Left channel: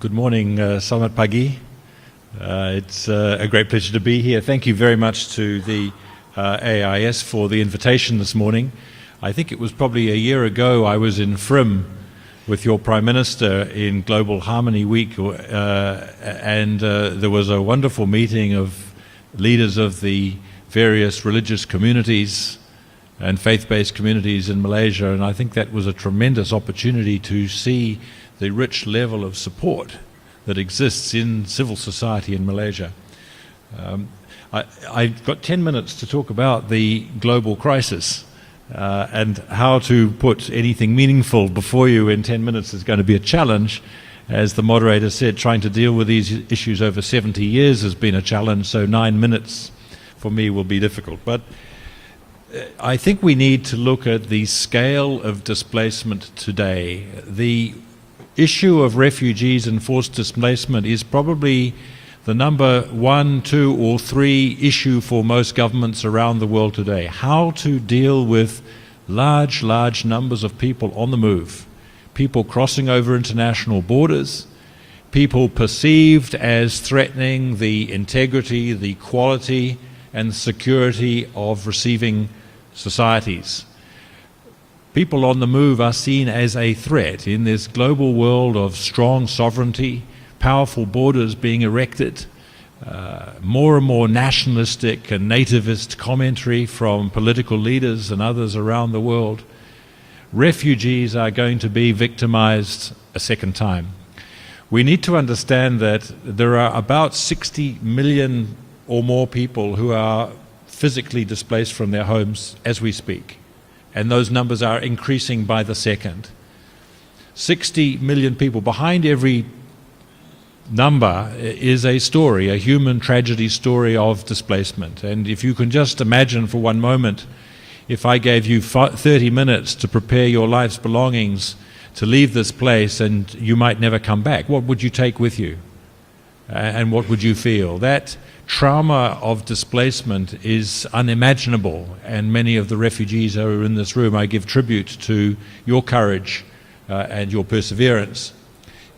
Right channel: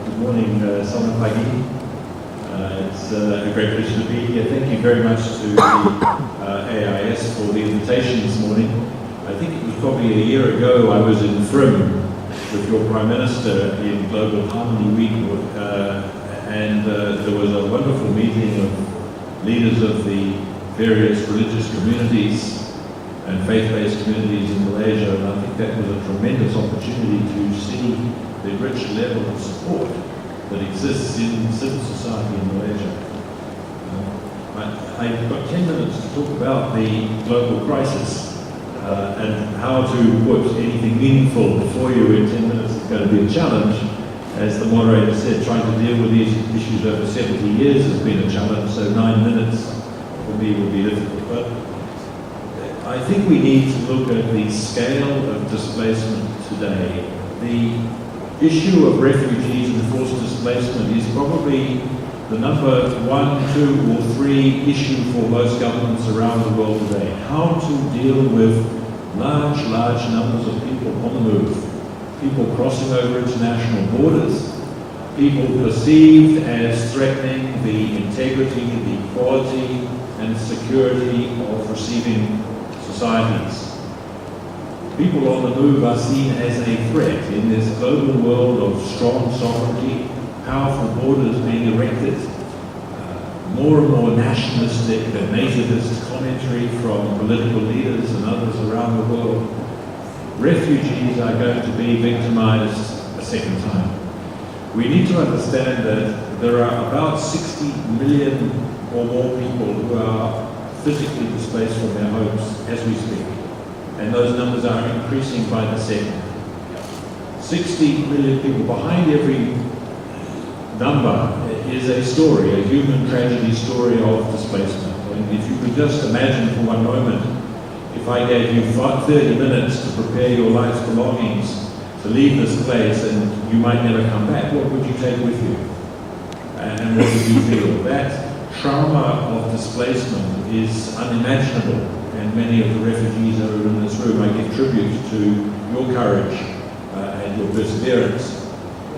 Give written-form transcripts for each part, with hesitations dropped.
Good morning, Selamat Pagi. It's a great pleasure to be here. Thank you very much to the AIS for the invitation this morning. I think it was probably a year ago I was in Frim with your Prime Minister in Global Harmony Week, and there was a wonderful meeting of leaders of the various religious communities and faith-based communities in Malaysia, and I think that was a tremendous opportunity to see the rich level of support that exists in civil society in Malaysia. I've got 10 minutes to talk about the global crisis and how to put anything meaningful before you in 10 minutes is going to be a challenge. As the moderator said, trying to deal with these issues over 70 years has been a challenge, so 9 minutes for me will be difficult. But I think we need to look at the scale of displacement today. The issue of refugees and forced displacement is probably the number 1, 2, or 3 issue for most governments around the world today. How to deal with large numbers of people on the move, people crossing over international borders, people perceived as threatening the integrity, the quality, and security of receiving societies. People on the move are seen as a threat in this global world of strong sovereignty, powerful borders being erected, more and more nationalistic and nativist commentary from political leaders and others around the world. Refugees are going to be victimized a second time. We need to understand that there are about 60 million or more people who are physically displaced from their homes as we speak. And those numbers are increasing by the second. 60 million people. Behind every number is a story, a human tragedy story of displacement. And if you can just imagine for one moment, if I gave you 30 minutes to prepare your life's belongings to leave this place and you might never come back, what would you take with you? And what would you feel? That trauma of displacement is unimaginable, and many of the refugees who are in this room, I give tribute to your courage and your perseverance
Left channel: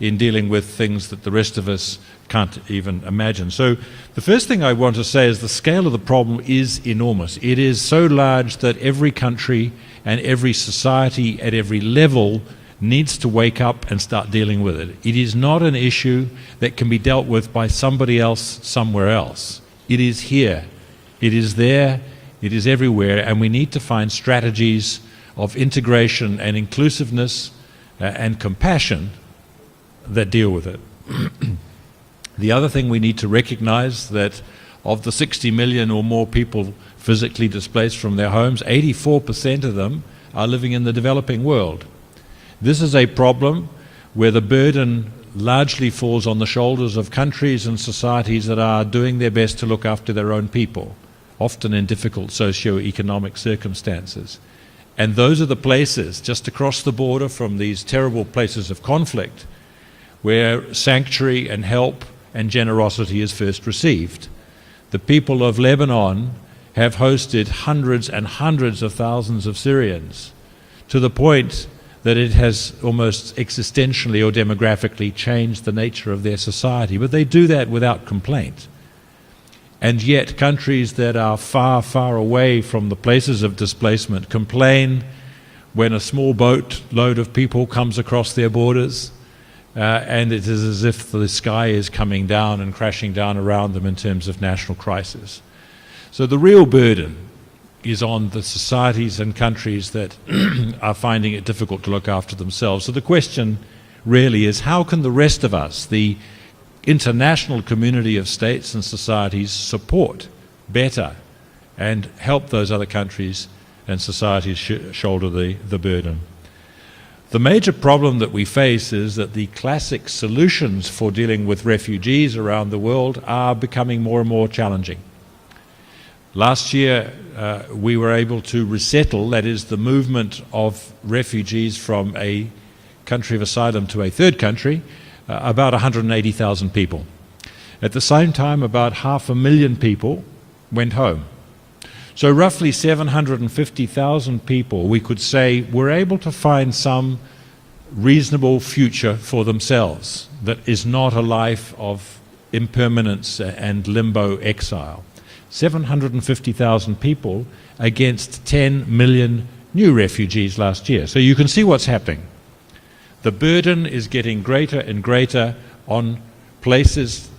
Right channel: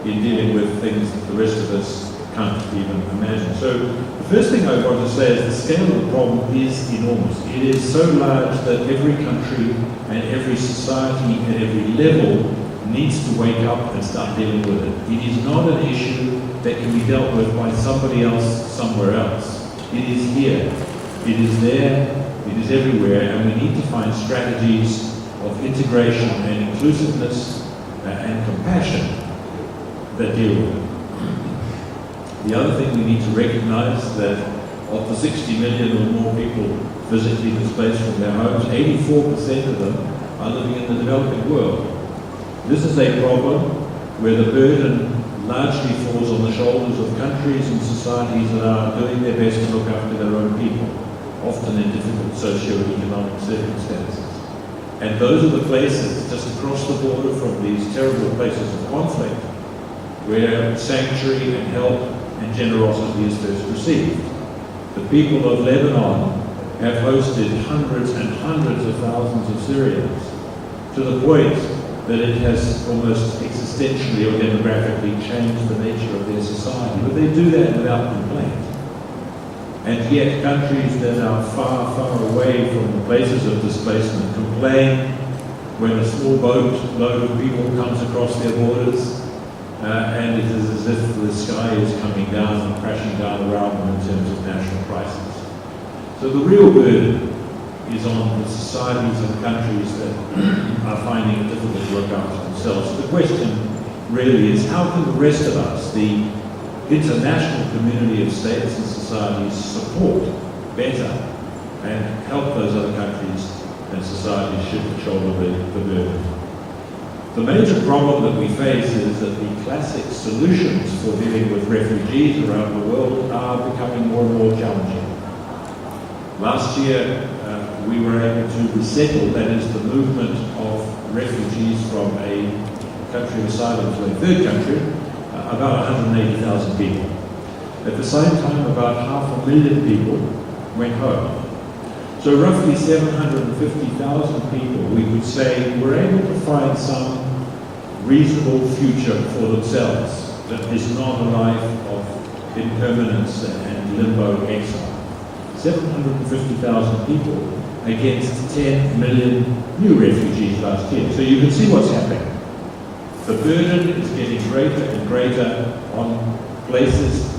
in dealing with things that the rest of us can't even imagine. So the first thing I want to say is the scale of the problem is enormous. It is so large that every country and every society at every level needs to wake up and start dealing with it. It is not an issue that can be dealt with by somebody else somewhere else. It is here, it is there, it is everywhere, and we need to find strategies of integration and inclusiveness and compassion that deal with it. The other thing we need to recognize that of the 60 million or more people physically displaced from their homes, 84% of them are living in the developing world. This is a problem where the burden largely falls on the shoulders of countries and societies that are doing their best to look after their own people, often in difficult socio-economic circumstances. And those are the places just across the border from these terrible places of conflict where sanctuary and help and generosity is first received. The people of Lebanon have hosted hundreds and hundreds of thousands of Syrians, to the point that it has almost existentially or demographically changed the nature of their society. But they do that without complaint. And yet countries that are far away from the places of displacement complain when a small boat load of people comes across their borders, and it is as if the sky is coming down and crashing down around them in terms of national crisis. So the real burden is on the societies and countries that are finding it difficult to look after themselves. So the question really is, how can the rest of us, the international community of states and societies, support better and help those other countries and societies shoulder the burden? The major problem that we face is that the classic solutions for dealing with refugees around the world are becoming more and more challenging. Last year, we were able to resettle, that is the movement of refugees from a country of asylum to a third country, about 180,000 people. At the same time, about 500,000 people went home. So roughly 750,000 people, we could say, were able to find some reasonable future for themselves. that is not a life of impermanence and limbo exile. 750,000 people against 10 million new refugees last year. So you can see what's happening. The burden is getting greater and greater on places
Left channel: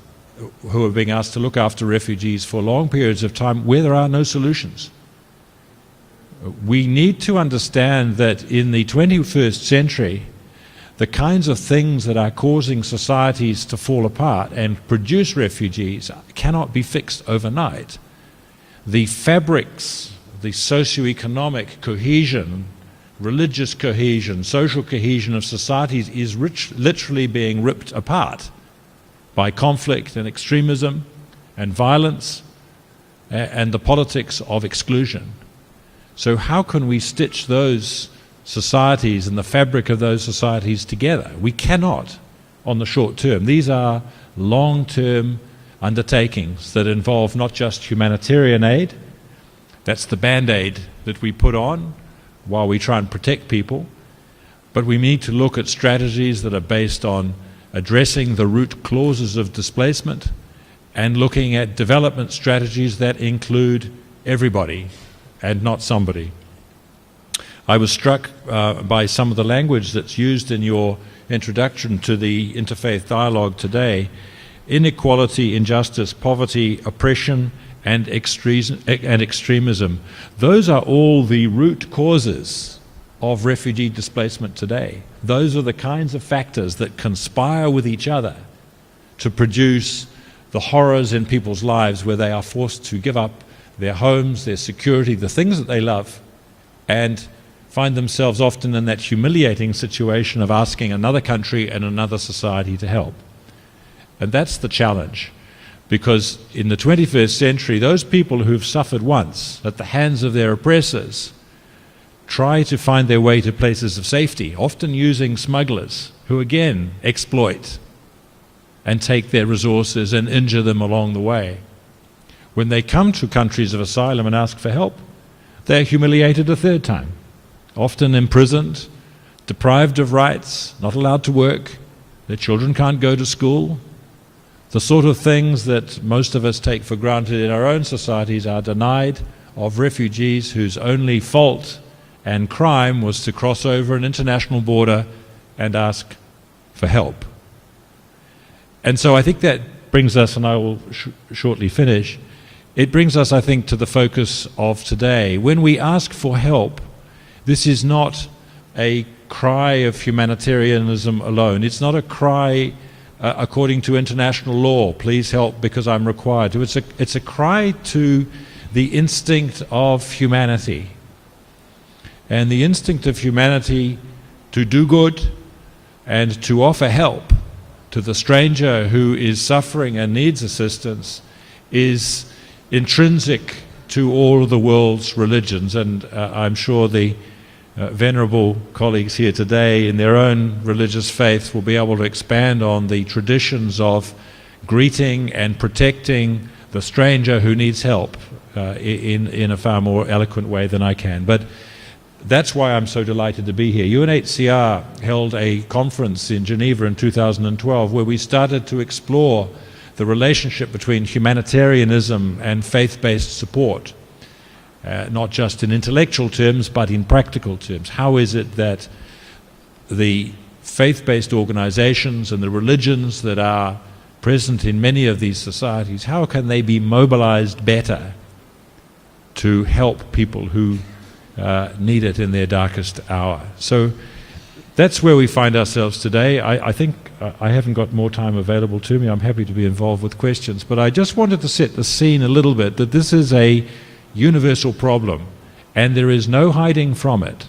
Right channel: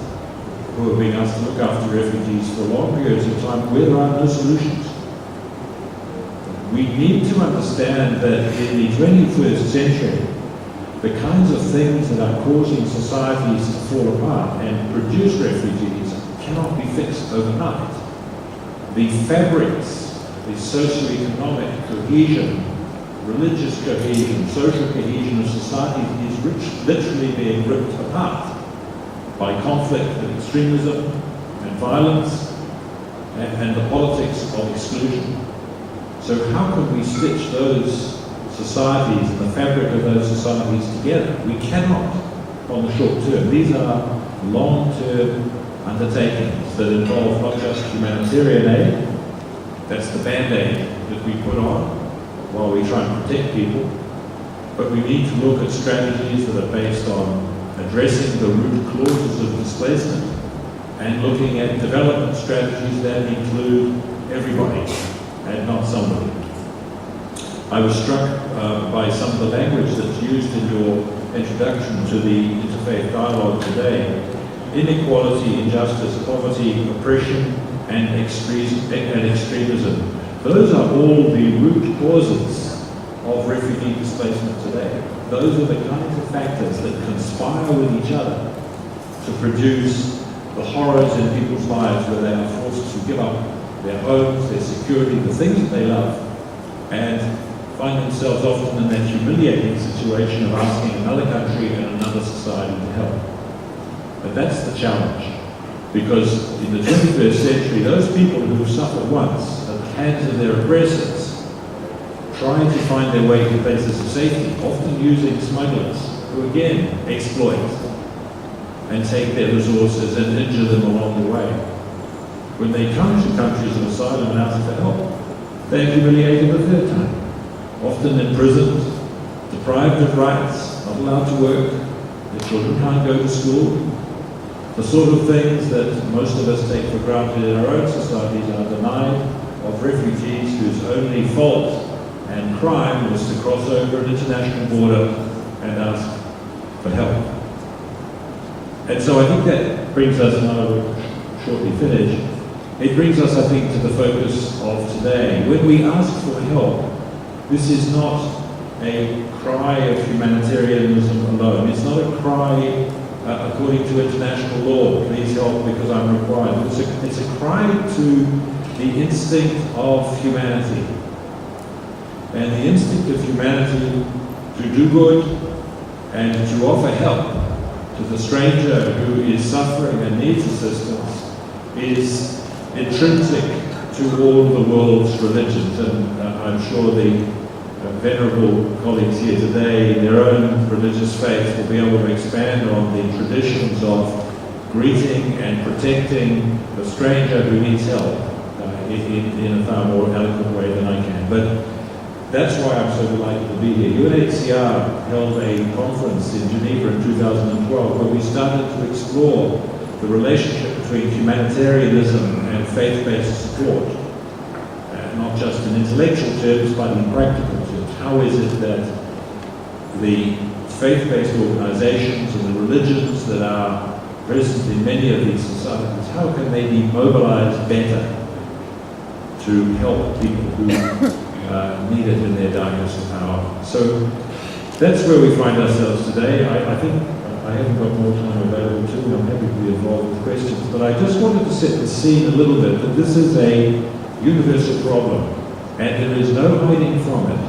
who are being asked to look after refugees for long periods of time where there are no solutions. We need to understand that in the 21st century, the kinds of things that are causing societies to fall apart and produce refugees cannot be fixed overnight. The fabrics, the socio-economic cohesion, religious cohesion, social cohesion of societies is literally being ripped apart by conflict and extremism and violence and the politics of exclusion. So how can we stitch those societies and the fabric of those societies together? We cannot on the short term. These are long-term undertakings that involve not just humanitarian aid, that's the band-aid that we put on while we try and protect people, but we need to look at strategies that are based on addressing the root causes of displacement and looking at development strategies that include everybody and not somebody. I was struck by some of the language that's used in your introduction to the interfaith dialogue today. Inequality, injustice, poverty, oppression, and extremism. Those are all the root causes of refugee displacement today. Those are the kinds of factors that conspire with each other to produce the horrors in people's lives where they are forced to give up their homes, their security, the things that they love, and find themselves often in that humiliating situation of asking another country and another society to help. And that's the challenge, because in the 21st century, those people who've suffered once at the hands of their oppressors try to find their way to places of safety, often using smugglers who again exploit and take their resources and injure them along the way. When they come to countries of asylum and ask for help, they're humiliated a third time, often imprisoned, deprived of rights, not allowed to work, their children can't go to school. The sort of things that most of us take for granted in our own societies are denied of refugees whose only fault and crime was to cross over an international border and ask for help. And so I think that brings us, and I will shortly finish, it brings us, I think, to the focus of today. When we ask for help, this is not a cry of humanitarianism alone. It's not a cry according to international law, please help because I'm required to. It's a cry to the instinct of humanity. And the instinct of humanity to do good and to offer help to the stranger who is suffering and needs assistance is intrinsic to all of the world's religions. And I'm sure the venerable colleagues here today in their own religious faith will be able to expand on the traditions of greeting and protecting the stranger who needs help in a far more eloquent way than I can. But that's why I'm so delighted to be here. UNHCR held a conference in Geneva in 2012 where we started to explore the relationship between humanitarianism and faith-based support. Not just in intellectual terms, but in practical terms. How is it that the faith-based organizations and the religions that are present in many of these societies, how can they be mobilized better to help people who need it in their darkest hour? So that's where we find ourselves today. I think I haven't got more time available to me. I'm happy to be involved with questions, but I just wanted to set the scene a little bit that this is a universal problem, and there is no hiding from it.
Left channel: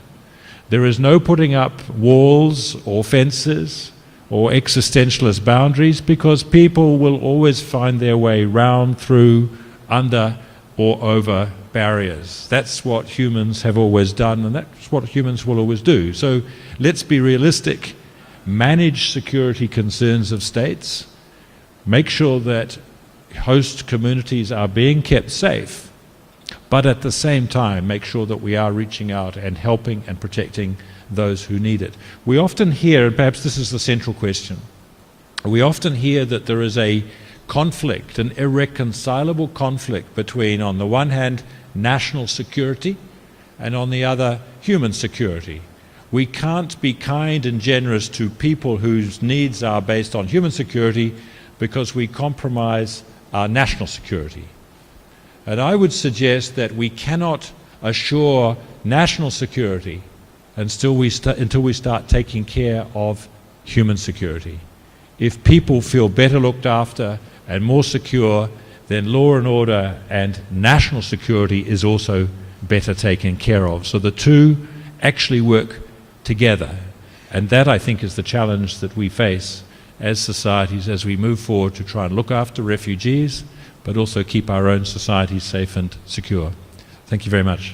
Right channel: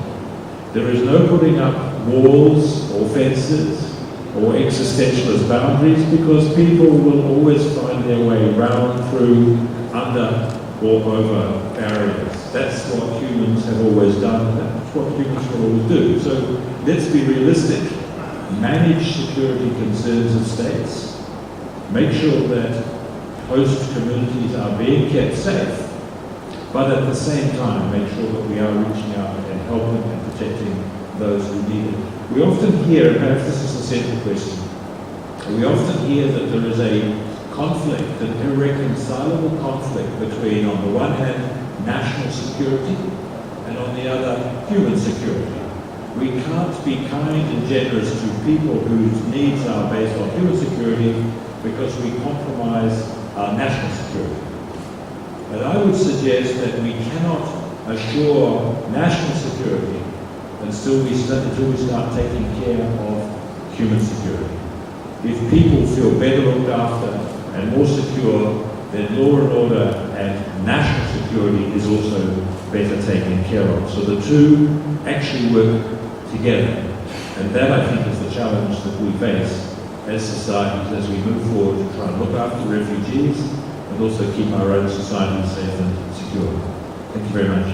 There is no putting up walls or fences or existentialist boundaries, because people will always find their way round, through, under or over barriers. That's what humans have always done, and that's what humans will always do. So let's be realistic. Manage security concerns of states. Make sure that host communities are being kept safe, but at the same time, make sure that we are reaching out and helping and protecting those who need it. We often hear, and perhaps this is the central question, We often hear that there is a conflict, an irreconcilable conflict between, on the one hand, national security and on the other, human security. We can't be kind and generous to people whose needs are based on human security because we compromise our national security. And I would suggest that we cannot assure national security until we start taking care of human security. If people feel better looked after and more secure, then law and order and national security is also better taken care of. So the two actually work together. And that, I think, is the challenge that we face as societies as we move forward to try and look after refugees, but also keep our own societies safe and secure. Thank you very much.